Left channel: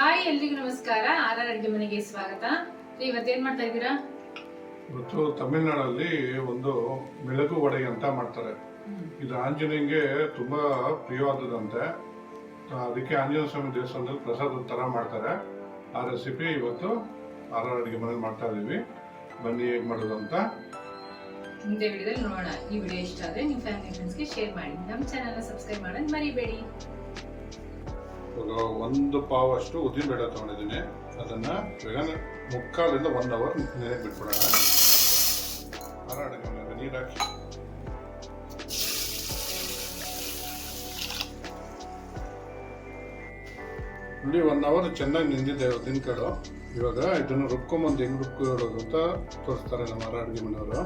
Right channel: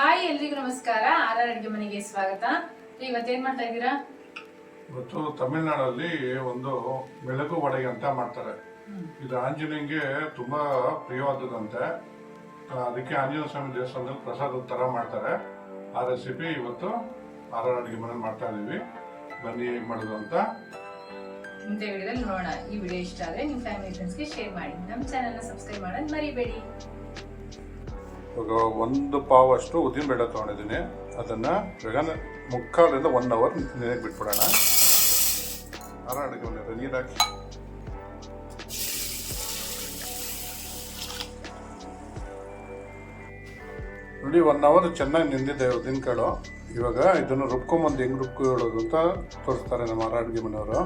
Hi ಎಲ್ರಿಗೂ ನಮಸ್ಕಾರ. R ಅಡುಗೆ ಮನೆಗೆ ಸ್ವಾಗತ. ಇವತ್ತೇನ್ ಮಾಡ್ತಾ ಇದ್ದೀರಾ? ಇವತ್ತು ತಮಿಳುನಾಡಲ್ಲಿ ಒಂದು ಮಿಳಗು ವಡೆ ಅಂತ ಮಾಡ್ತಾರೆ. ಇದು ಆಂಜನೇಯಂಗೆ ತುಂಬಾ ಪ್ರಿಯವಾದದಂತೆ. ಅದಕ್ಕೆ ಆಂಜನೇಯ ಸ್ವಾಮಿ ದೇವಸ್ಥಾನದಲ್ಲಿ ಪ್ರಸಾದದ ತರ ಮಾಡ್ತಾರೆ. ಆ ರೆಸಿಪಿ ಇವತ್ತು ಆರ್ ಅಡುಗೆ ಮನೇಲಿ ಮಾಡ್ತಾ ಇದೀವಿ. ಬನ್ನಿ ಹೇಗೆ ಮಾಡೋದು ಅಂತ ಮುಂದೆ ವಿಡಿಯೋದಲ್ಲಿ ನೋಡೋಣ. ಈ ವಿಡಿಯೋ ಇಷ್ಟ ಆದ್ರೆ ನಿಮ್ಮ ಫ್ಯಾಮಿಲಿ ಫ್ರೆಂಡ್ಸ್ಗೆ ಶೇರ್ ಮಾಡಿ. ನಮ್ಮ ಚಾನೆಲ್ನ ಸಬ್ಸ್ಕ್ರೈಬ್ ಮಾಡೋದು ಮರಿಬೇಡಿ. ಒಂದು ಪಾವ್ ಅಷ್ಟು ಉದ್ದಿನ ಬೇಳೆ ತಗೊಂಡಿದ್ದೀನಿ. ಅದನ್ನ ಮುಕ್ಕಾಲಿಂದ 1 ಅವರ್ ನೀರಿಗೆ ಬಿಟ್ಬಿಡೋಣ. ಆರ್ ಅಡುಗೆ ಮನೆ ನೀರು ಹಾಕಿ ನೋಡಿ 1 ಅವರ್ ಚೆನ್ನಾಗಿ ನಿಂದಿದೆ ಉದ್ದಿನಕಾಳು. ಇವಾಗ ಇದನ್ನು ರುಬ್ಕೊಂಬಂದು ಹೆಂಗ್ ರುಬ್ಕೊಳ್ಳೋದು ಅಂತ ತೋರಿಸ್ತಾರೆ ನಮ್ಮ ಆರ್ ಅಡುಗೆ ಮನೆಯವರು.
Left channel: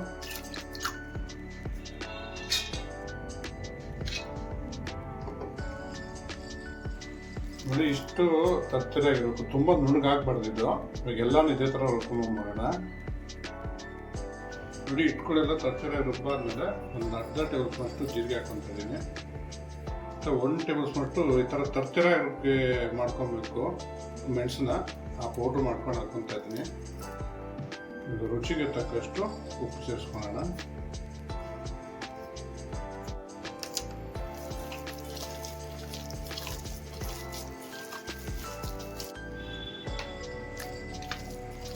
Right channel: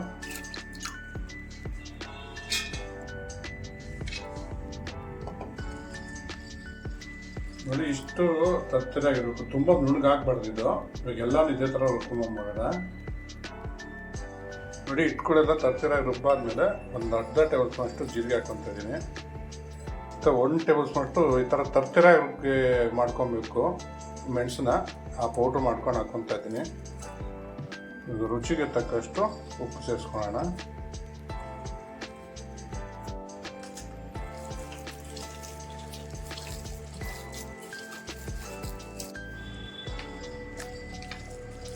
ನೋಡಿ ಇಷ್ಟು ತತ್ತರಾಗಿರ್ಬೇಕು, ತುಂಬಾ ನುಣ್ಣಗಾಗ್ಬಾರ್ದು ಇದು. ಇವಾಗ ಎಲ್ಲಾನು ಇದೇ ತರ ರುಬ್ಕೊಂಬರೋಣ. ನೋಡಿ ಇಟ್ಕೊಳ್ಳೆಲ್ಲ ತತ್ತರಾಗಿ ರುಬ್ಬಾದ್ಮೇಲೆ ಒಂದು ಅರ್ಧ ಟೇಬಲ್ ಸ್ಪೂನ್ ಅಷ್ಟು ಜೀರಿಗೆ ಹಾಕೊಂತ ಇದ್ದೀನಿ. 1 ಟೇಬಲ್ ಸ್ಪೂನ್ ಅಷ್ಟು ಈ ಥರ ತತ್ತರಾಗಿ ಮಾಡ್ಕೊಬೇಕು ಮೆಣಸನ್ನ. ಆ ಪೌಡ್ರ್ ಮಾಡ್ಕೊಂಡು ಹಾಕೊತಾ ಇದ್ದೀನಿ. ಇದು ರುಚಿಗೆ ತಕ್ಕಷ್ಟು ಉಪ್ಪು ಸೇರಿಸ್ಕೊಳ್ಳೋಣ.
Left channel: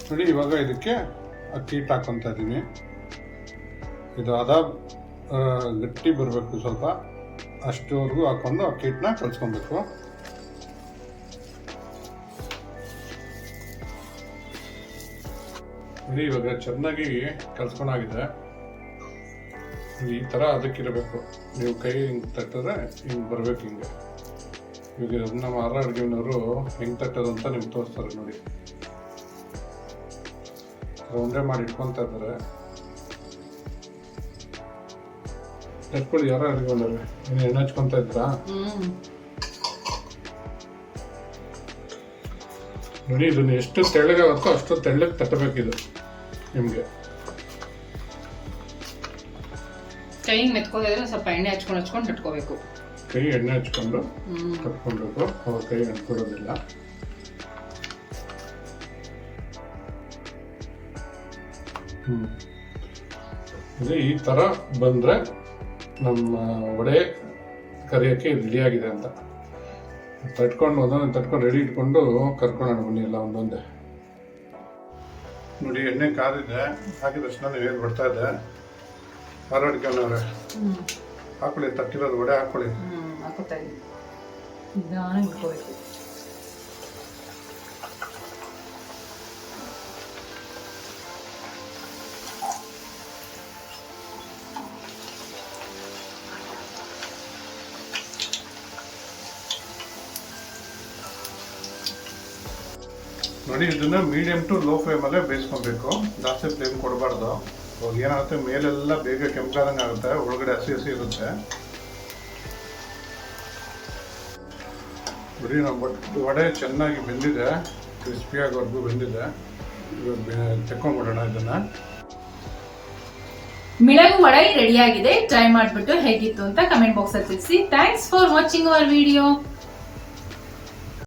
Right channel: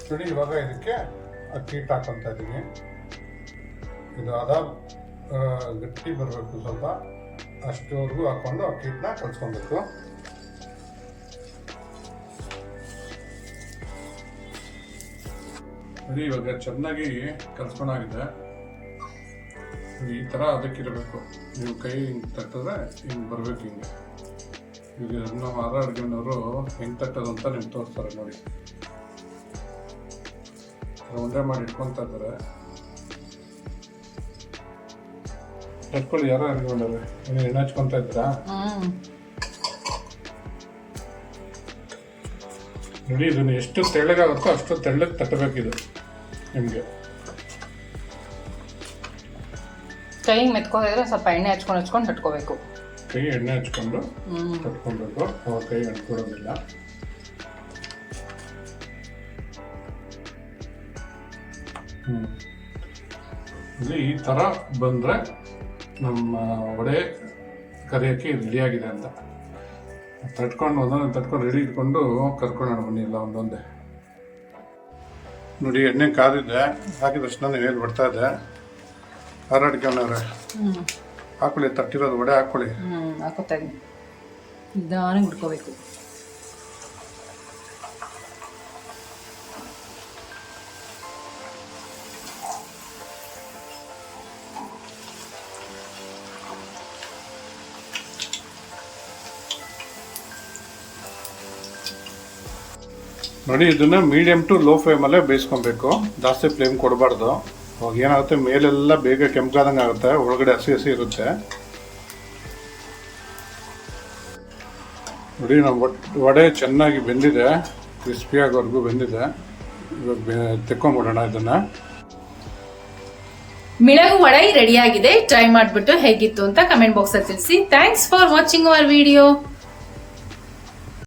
ನೋಡಿ ಇವಾಗ ಇದಕ್ಕೆ ಅಕ್ಕಿ ಹಿಟ್ಟು ಹಾಕೊತಾ ಇದ್ದೀನಿ. ಇದು ಗಟ್ಟಿ ಬರಬೇಕು, ಸ್ವಲ್ಪ ಅಷ್ಟುವರೆಗೂ ಹಾಕೊಂಡು ಅಕ್ಕಿ ಹಿಟ್ಟನ್ನ ಕಲ್ಸ್ಕೊಬೇಕು. ನೋಡಿ ಇವಾಗ ಚೆನ್ನಾಗಿ ಕಲ್ಸ್ಕೊಂಡಾಗಿದೆ. ಈ ಥರ ಅದಕ್ಕಿರಬೇಕು. ನೀವು ಕೈ ಹಿಂಗೆ ತಟ್ಟಿದ್ರೆ ಹಿಂಗೆ ಬರಬೇಕು. ಹಿಂಗೆ ಈಗ ನಮ್ಮ ಆರ್ ಅಡುಗೆ ಮನೆಯವರು ಹೆಂಗೆ ತಟ್ಟೋದು ಅಂತ ನಿಮ್ಗೆ ತೋರಿಸ್ತಾರೆ. ನೋಡಿ ಉಂಡೆ ಮಾಡಿ ಇಟ್ಕೊತಾ ಇದ್ದಾರೆ. ತಟ್ಕೊಳ್ಳಿ. ಯಾರು ಅಡುಗೆ ಬಂದವ್ರೆ, ನೀವು ಎಣ್ಣೆ ಹಚ್ಕೊತಾ ಇದ್ದೀರಾ? ನೋಡಿ ಇದನ್ನು ಎಷ್ಟು ತೆಳ್ಳಗಾಗುತ್ತೋ ಅಷ್ಟು ತೆಳ್ಳಗೆ ತಟ್ಟಬೇಕಿದೆ. ನಿಮಗೆ ಕೈ ಮೆತ್ಕೊಂಡಿದ್ರೆ ಸ್ವಲ್ಪ ಎಣ್ಣೆ ಹಚ್ಕೊಂಡು ತಟ್ಕೋಬೇಕು. ಕೈ ಎಣ್ಣೆ ಹಚ್ಕೊಂಡು ತಟ್ಕೊಬೇಕು. ಅವಾಗ ಕೈ ಅಂಟ್ಕೊಡೋದಿಲ್ಲ. ಈ ಥರ ಬಂದರೆ ನಮ್ಮ ವಡೆ ಕರಿಯೋಕ್ಕೆ ರೆಡಿಯಾಗಿದೆ ಅಂತ. ತಟ್ಕೊಂಡು ಒಂದೊಂದು ತಟ್ಕೊಂಡು ರೆಡಿ ಇಟ್ಕೊಂಡು ಕರ್ಕೊಳ್ಳೋಣ ಬನ್ನಿ ಎಲ್ಲ ಒಂದೊಂದೇ. ನೋಡಿ ಎಣ್ಣೆ ಕಾದಿದೆ. ಹಾಕಿದ ತಕ್ಷಣ ನೀವೇನು ಬಿಡ್ತಾ ಇದೆ. ಆರ್ ಅಡುಗೆ ಮನೆಯವ್ರೆ ಹಾಕೊಳ್ಳಿ, ತಟ್ಟಿರೋದು ವಡೆ ಹಾಕೊಳ್ಳಿ. ಹಾಕೋತಾ ಇದ್ದೀನಿ. ನಿಧಾನಕ್ಕೆ ಬಿಟ್ಕೋಬೇಕು. ನೋಡಿ ಇದನ್ನ ಮೀಡಿಯಂ ಟು ಲೋ ಫ್ಲೇಮಲ್ಲೇ ಬೇಯಿಸ್ಕೊಬೇಕು. ಜಾಸ್ತಿ ಫ್ಲೇಮ್ ಕೊಡಬಾರ್ದು. ಅವಾಗ ಏನಾಗುತ್ತೆ, ಮೇಲೆಲ್ಲ ಬೇಗ ಕೆಂಪಾದಂಗೆ ಆಗುತ್ತೆ, ಒಳಗಡೆ ಹಸಿ ಹಸಿ ಇರುತ್ತೆ. ನೋಡಿ ನಮ್ಮ ವಡೆ ಚೆನ್ನಾಗಿ ಬೆಂದಿದೆ, ಕ್ರಿಸ್ಪಿ ಆಗೋವರೆಗೂ ಬೆಂದಿದೆ. ಇವಾಗ ತೆಕ್ಕೊಂಡ್ಬಿಡೋಣ ಇದನ್ನ. ಮಿಳಗು ವಡೆ ರೆಡಿಯಾಗಿದೆ. ಟ್ರೈ ಮಾಡಿಬಿಟ್ಟು ಹೇಗಿತ್ತು ಅಂತ ಕಮೆಂಟ್ ಬಾಕ್ಸಲ್ಲಿ ತಿಳಿಸಿ. Thanks for watching our video.